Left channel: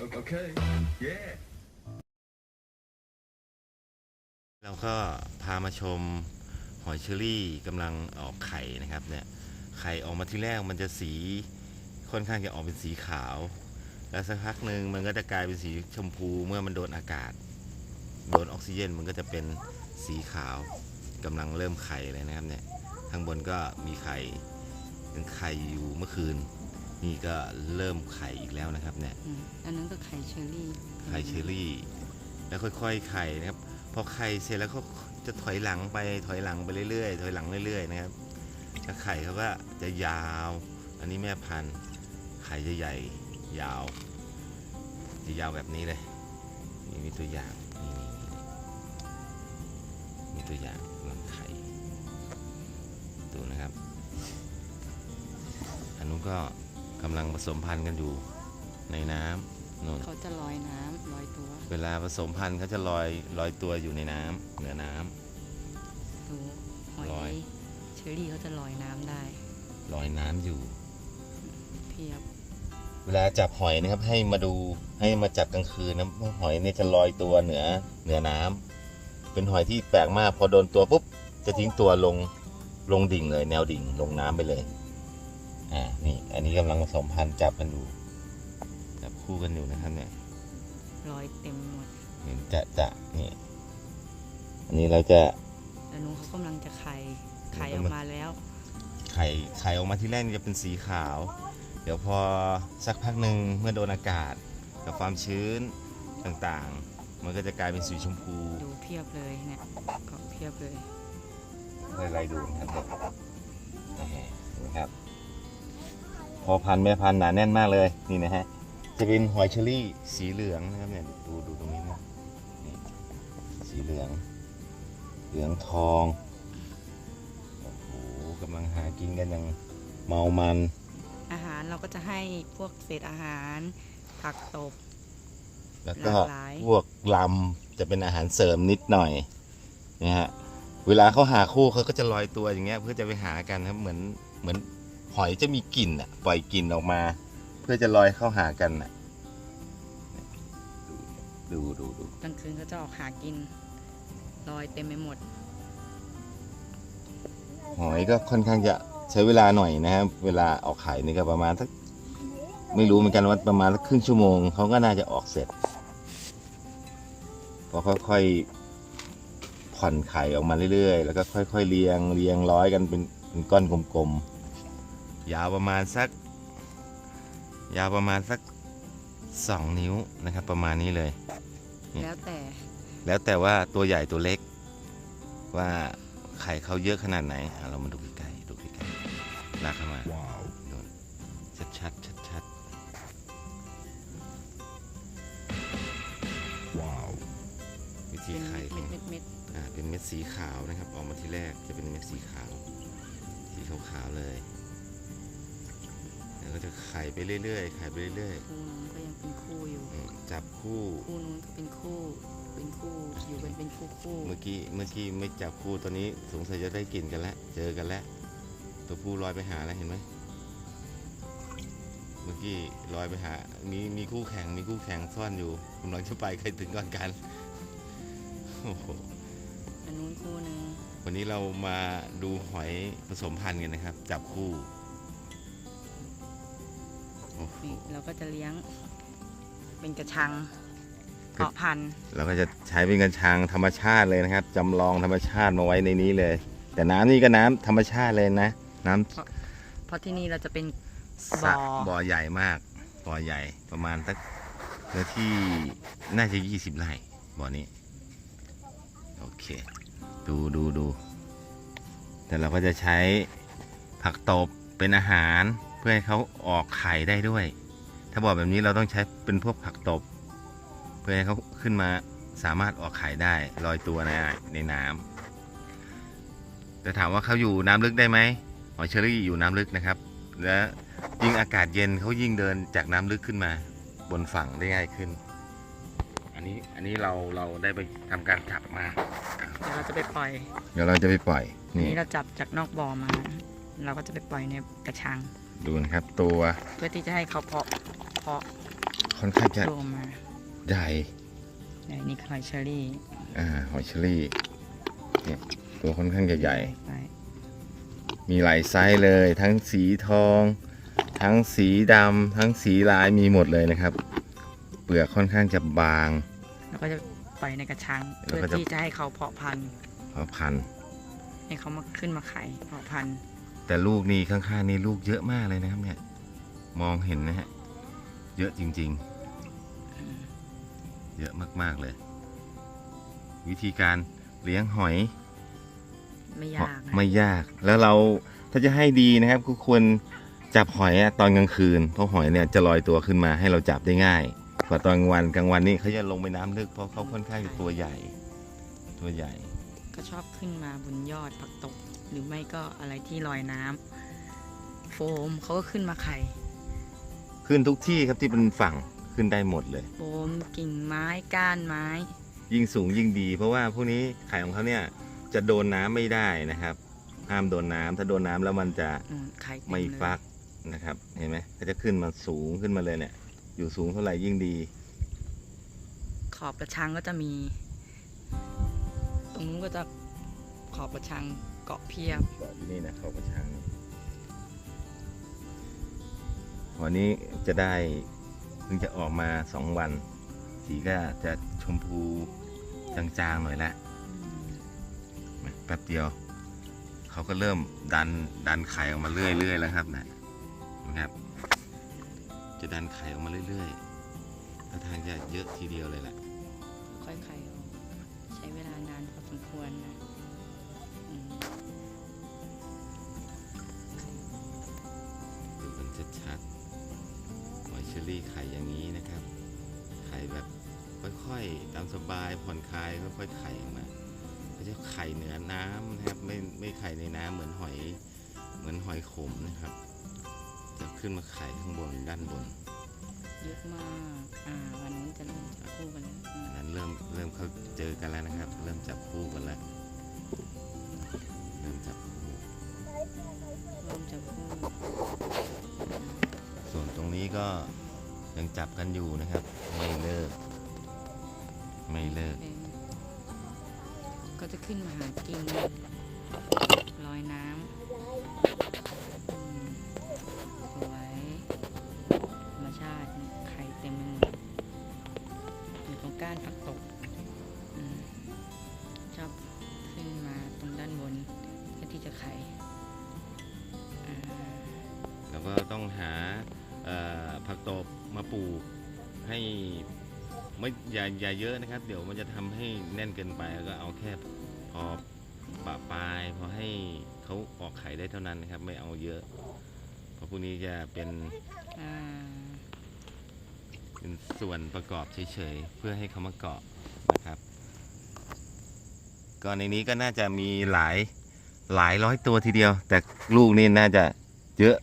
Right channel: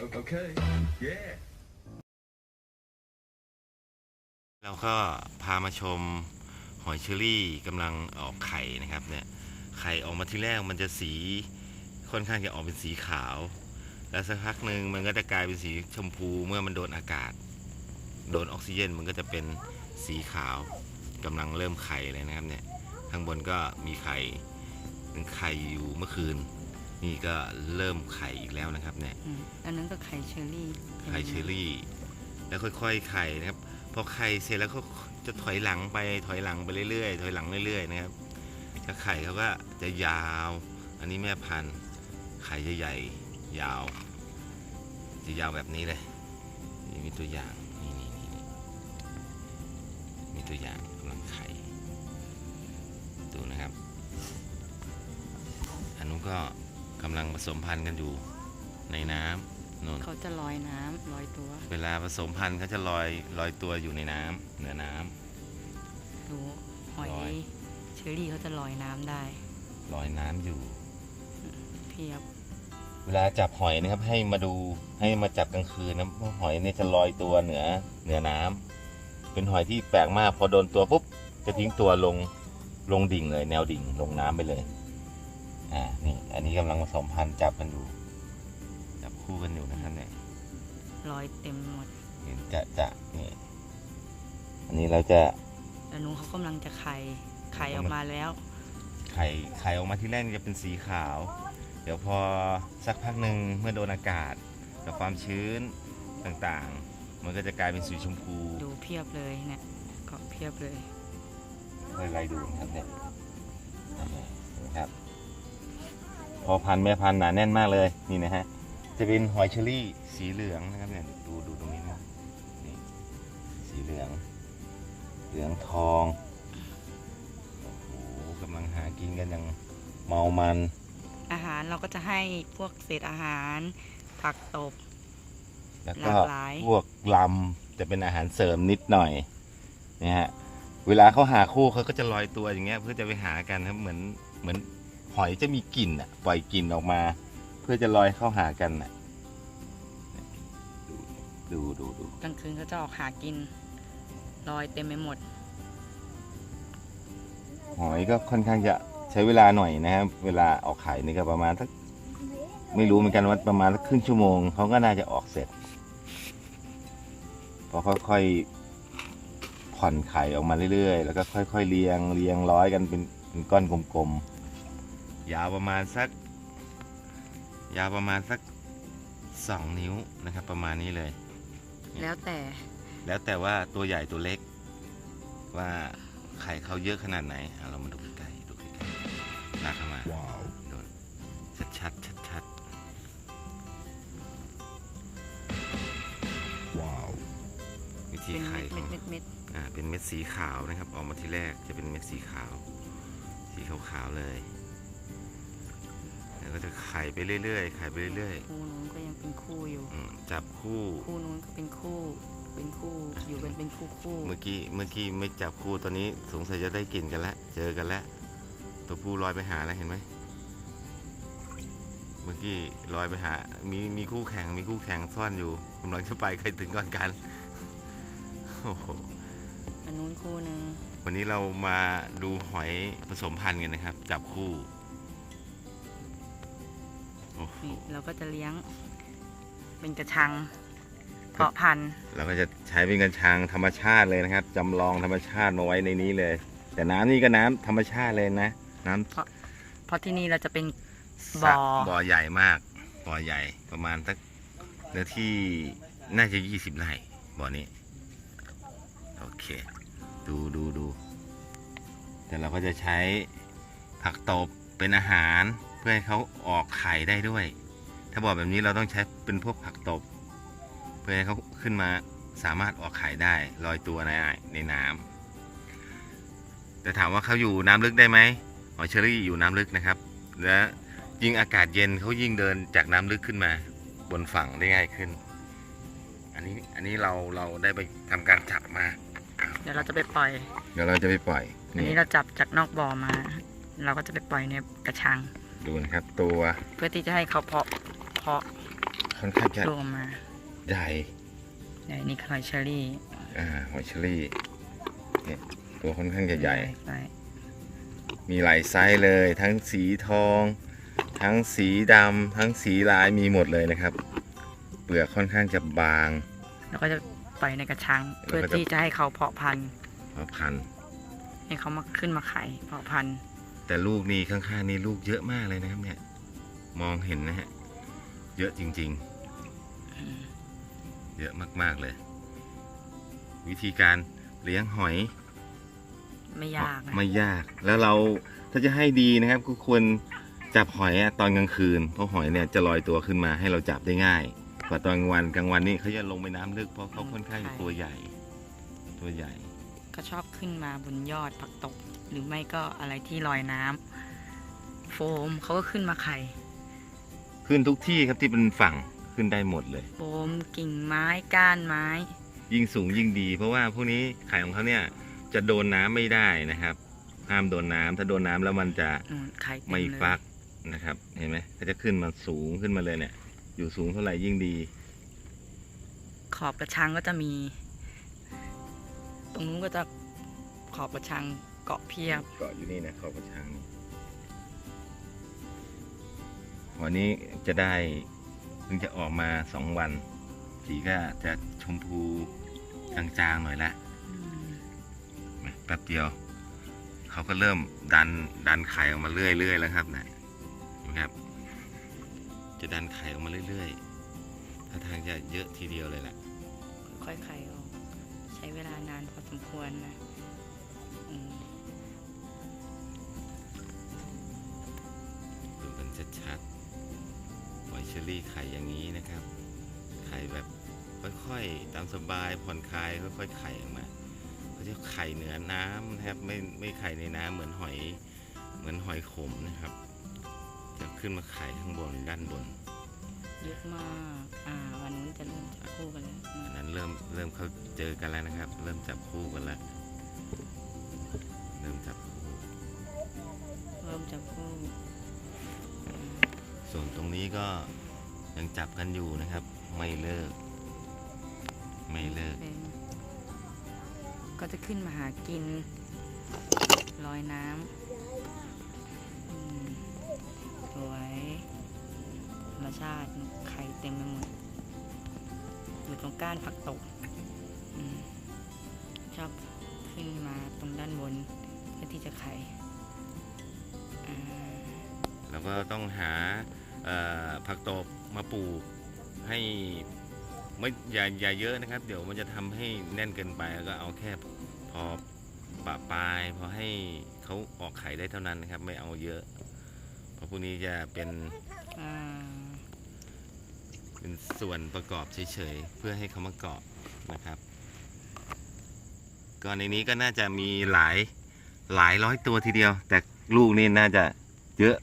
Okay. Yeah. เราก็พามาชมหอยเชอรี่กำลังออกไข่นะครับเนี่ยไข่ออกมาที่แรกมันจะสีค่อนข้างจะออกเป็นสีขาว แล้วสักพักหนึ่งมันก็จะกลายเป็นสีชมพูเมื่อมันโดนอากาศ โดนออกซิเจนมันก็จะเป็นสีขาวกำลังเริ่มไข่เลยนะครับเนี่ยข้างบนก็มีไข่เป็นไข่อยู่เมื่อคืน นี่ก็เริ่มไข่อีกแล้วนะครับเนี่ยอืมอันนั้นก็ไข่เชอรี่ไข่เชอรี่ แล้วค่อยๆไข่นะครับพอไข่เสร็จแล้วก็จะถอยหลังไปถอยหลังไปเรื่อยๆถอยหลังเรื่อยๆนะครับแล้วไข่เขาก็จะยาว อันนี้แม่พันธุ์ไข่จะใหญ่ยาว จะยาวแบบนี้เลยนี่มีตัวอย่างนี่นี่นี่นี่มีตัวอย่างกำลังไข่ดูนะครับอันนู้นก็ กำลังผสมพันธุ์กันอยู่ในน้ำนู่นเขาจะลอยน้ำลอยตัว เวลาผสมพันธุ์เขาจะลอยลอยตัวอยู่ในน้ำเหนือน้ำดูหอยลอยเชอรี่เขาจะลอยน้ำได้ ลอยน้ำอยู่เพียบเวลาจับหอยนะครับให้มาดูให้มาจับกลางคืนนะเพราะหอยเนี่ยจะลอยตัวเหนือเหนือน้ำเป็นหอยที่แปลกมากพอโดนตัวปุ๊บจะทิ้งตัวลงลงดิ่งเลย แนวดิ่งลงน้ำไปเลย อ่านี่อันนี้กำลังผสมพันธุ์จับกันอยู่ จับคู่กันอยู่นะครับเนี่ยลอยเต็มหมดเห็นจะจะนี่ อันนี้เราจะแล้วนุ้งเขากำลังจะไข่ไข่ออกมาแล้ว ไข่ไข่ออกมาที่แรกนี่จะเป็นสีขาว เดี๋ยวพอสักพักหนึ่งเมื่อโดนอากาศกับความชื้นต่างๆ มันก็จะกลายเป็นสีชมพู ดูเพียบเลยเนี่ยก็เพียบเลยไล่ๆดูนะครับ อพันธุ์แม่พันธุ์หนาแน่นมากเลยนี่นะฮะจะเป็นหอยเชอรี่สีเหลืองนะครับเนี่ยดูดูตรงนี้นะนี่สีเหลือง เหลืองทองโอ้โหกำลังหากินกันอย่างเมามัน อาหารเราก็จะให้พวกเศษอาหาร ผักตบ แล้วก็หลากหลาย พวกลำจะเป็นอาหารเสริมนิดหน่อยนะฮะเวลาเขาหาคู่เขาก็จะลอยตัวอย่างเงี้ยเพื่อจะไปหากันครับเหมือนเหมือน หอยจะมีกลิ่นอะปล่อยกลิ่นออกมา เพื่อจะลอยเข้าหากันอะดูดูดูกลางคืนเขาจะออกหากินลอยเต็มไปหมด หอยก็ค่อนข้างจะใช้เวลาหน่อยนะครับ เวลาออกไข่นี่ก็ประมาณสักไม่รู้เหมือนกันว่าประมาณสักครึ่งชั่วโมงเขาก็น่าจะออกเสร็จพอค่อยๆผ่อนไข่ออกมาเรื่อยๆ แล้วก็ค่อย ๆ เรียงเรียงร้อยกันเป็นเป็นก้อนกลมๆ ยาวประมาณสัก ยาวประมาณสักสองนิ้วนะครับ ประมาณนี้เลย แล้วแต่ แล้วแต่ว่าตัวใหญ่ตัวเล็ก ว่าไข่เขาเยอะขนาดไหนอะเรามาดูใกล้ๆดูใกล้ๆหนักขนาดว้าวชัดชัดชัดชัดว้าววิธีเป็นไข่เม็ดของเม็ดเม็ดอ่าเป็นเม็ดสีขาวนะครับ ออกมาที่แรกจะเป็นเม็ดสีขาว สีขาวๆเลย แล้วก็จะไข่ไปเรื่อยๆไข่ไปเรื่อยคู่นู้นก็ยังเป็นคู่อยู่ ๆอืมจับคู่ คู่นู้นก็เป็นคู่ เป็นคู่อยู่กันเป็นคู่คู่เมื่อกี้เมื่อกี้ไม่จับคู่ตอนนี้สงสัยจะได้กลิ่นกันแล้วเจอกันแล้วตัวผู้ลอยไปหาแล้วเห็นไหมเมื่อกี้ลอยไปหา มีมีคู่แข่งมีคู่แข่งซ่อนอยู่กำลังจะไปใครถึงก่อนกันโอ้โหอันนู้นคู่หนึ่งวันนี้เรามาดูหอยผสมพันธุ์กันนะครับ จับคู่โอ้โห นี่เราก็จะเลี้ยงเป็นกระชัง เพาะพันธุ์เราก็จะใช้เป็นกัญชางธรรมชาติเลยนะครับจำลองธรรมชาติมาไว้ในนี้เลย แต่น้ำนี่ก็น้ำธรรมชาติเลยนะน้ำเพราะที่นี่เราจะเป็นสระบ่อบ่อใหญ่มากบ่อใหญ่ประมาณสักเนื้อที่น่าจะยี่สิบไร่บ่อนี้โอเค ดูดูดูแต่เราก็จะใช้ผักตบเป็นอาหาร เพื่อให้เขาออกไข่ได้ด้วย ถ้าบ่อแบบนี้เราต้องใช้เป็นพวกผักตบ เพื่อให้เขาขึ้นมาสามารถออกไข่ได้ลอยตัวในในน้ำแต่ถามว่าเขาอยู่น้ำลึกได้ไหมหอยเชอรี่อยู่น้ำลึกนะครับ และยิ่งอากาศเย็นเขายิ่งเดินจากน้ำลึกขึ้นมา บนฝั่งได้ง่ายขึ้น อันนี้อันนี้เราเราได้ไปทำการจับมา เดี๋ยวเราจะไปปล่อย เดี๋ยวเราจะไปปล่อยอันนี้เราจับจากนอกบ่อมา เราก็จะไปปล่อยในกระชัง ดูนะครับตัวเพื่อที่จะให้เขาเพาะเพาะค่อนข้างจะรวมมาใหญ่ใหญ่นี่คอยเชอรี่อ่าหอยเชอรี่เนี่ยตัวค่อนข้างจะใหญ่ไปมีหลายไซส์เลย ทั้งสีทอง ทั้งสีดำทั้งสีลายมีหมดเลยนะครับ เปลือกค่อนข้างจะบาง แล้วก็จะปล่อยในกระชัง เพื่อแล้วก็จะที่จะให้เขาเพาะพันธุ์เพราะพันธุ์ให้เขามาขึ้นมาไข่เพาะพันธุ์ แต่ลูกนี่ข้างๆนี่ลูกเยอะมากเลยนะครับ เนี่ย มองเห็นนะฮะ เยอะจริง ๆ เยอะมากๆเลย วิธีการเลี้ยงหอย ไม่ยากนะไม่ยาก แล้วเราถ้าจะให้ดีนะครับก็ควรจับหอยอะตอนกลางคืน เพราะหอยเนี่ยจะลอยตัวขึ้นมาให้เราจับได้ง่าย กว่าตอนกลางวันกลางวันนี่เขาจะลงไปน้ำลึกเพราะเขาค่อนข้างตัวใหญ่ ตัวใหญ่ ก็ชอบขึ้นมาบนยอดผักตบ หรือไม่ก็อะไรที่ลอยน้ำโฟมเขาก็ขึ้นมาไข่ ขึ้นทุกที่ครับที่เป็นฝั่งขึ้นได้หมดเลย โฟมกิ่งไม้ก้านไม้ ยิ่งสูงยิ่งดี เพราะว่าพวกนี้ไข่ของเขาเนี่ยจะโดนน้ำไม่ได้นะครับ ห้ามโดนน้ำถ้าโดนน้ำแล้วมันจะอืมไข่เต็ไม่เลยฟักนะครับ เห็นไหมก็จะขึ้นมาสูงขึ้นมาเลยเนี่ย อยู่สูงเท่าไหร่ยิ่งดี ขอบกระชังก็จะมี ตรงนู้นก็จะขอบกระชัง เกาะเพียบ เกาะอยู่นี่นะเขากระชังวันนี้จะได้เพิ่งจะออกมาสองวัน สีก็จะชมพูจางๆหน่อยละแป๊บเดียว เขาก็เริ่มดันดันไข่ออกมาเรื่อยๆแล้วครับนะนะครับ จะดันไข่ออกมาเรื่อยๆท่าทางจะเยอะทีเดียวเลยแหละค่อยไข่ออก ใช้เวลานานพอสมควรนะอืม ดูกันชัดๆหอยเชอรี่ไข่อย่างนี้นะครับ ไข่แบบค่อยๆ ตามสบายผ่อนคลายค่อยๆไข่ออกมาเขาจะไข่เหนือน้ำนะครับไม่ไม่ไข่ในน้ำเหมือนหอยเหมือนหอยขมนะครับ จะขึ้นมาไข่ข้างบนด้านบนเยอะมากอ่าวันนู้นจะเริ่มจับคู่กันแล้วอืมอันนั้นเริ่มเริ่มเขาเจอกันแล้วนะครับ เริ่มจับคู่กันแล้วเริ่มจับคู่เริ่มจับคู่ส่วนตรงนี้ก็ยังจับกันอยู่นะครับ ไม่เลิก ไม่เลิกเป็นก็จะขึ้นมาหากินลอยน้ำอืมสวยธรรมชาติไข่เต็มไปหมดอยู่ตรงก้านผักตบอืมชอบขึ้นมาตรงด้านบนเพื่อ ที่จะไข่อ่าแล้วก็ต้องหาเอ่อผักตบมาปลูกให้ไม่อย่าอย่าเยอะนะครับ เดี๋ยวมันจะทำให้แน่นเกินไปแล้วก็เอาแค่พอปะปลายพอให้เขาออกไข่ได้เท่านั้นนะครับ ไม่เอาเยอะ เพราะพวกนี้จะเป็นอ่าเป็นส่วนประกอบเฉยๆ เพื่อให้เขามาเกาะนะครับ ก็ในนี้ก็น่าจะมีหลาย หลายร้อยตัวทีเดียว แต่ลูกนี่น่าจะเยอะ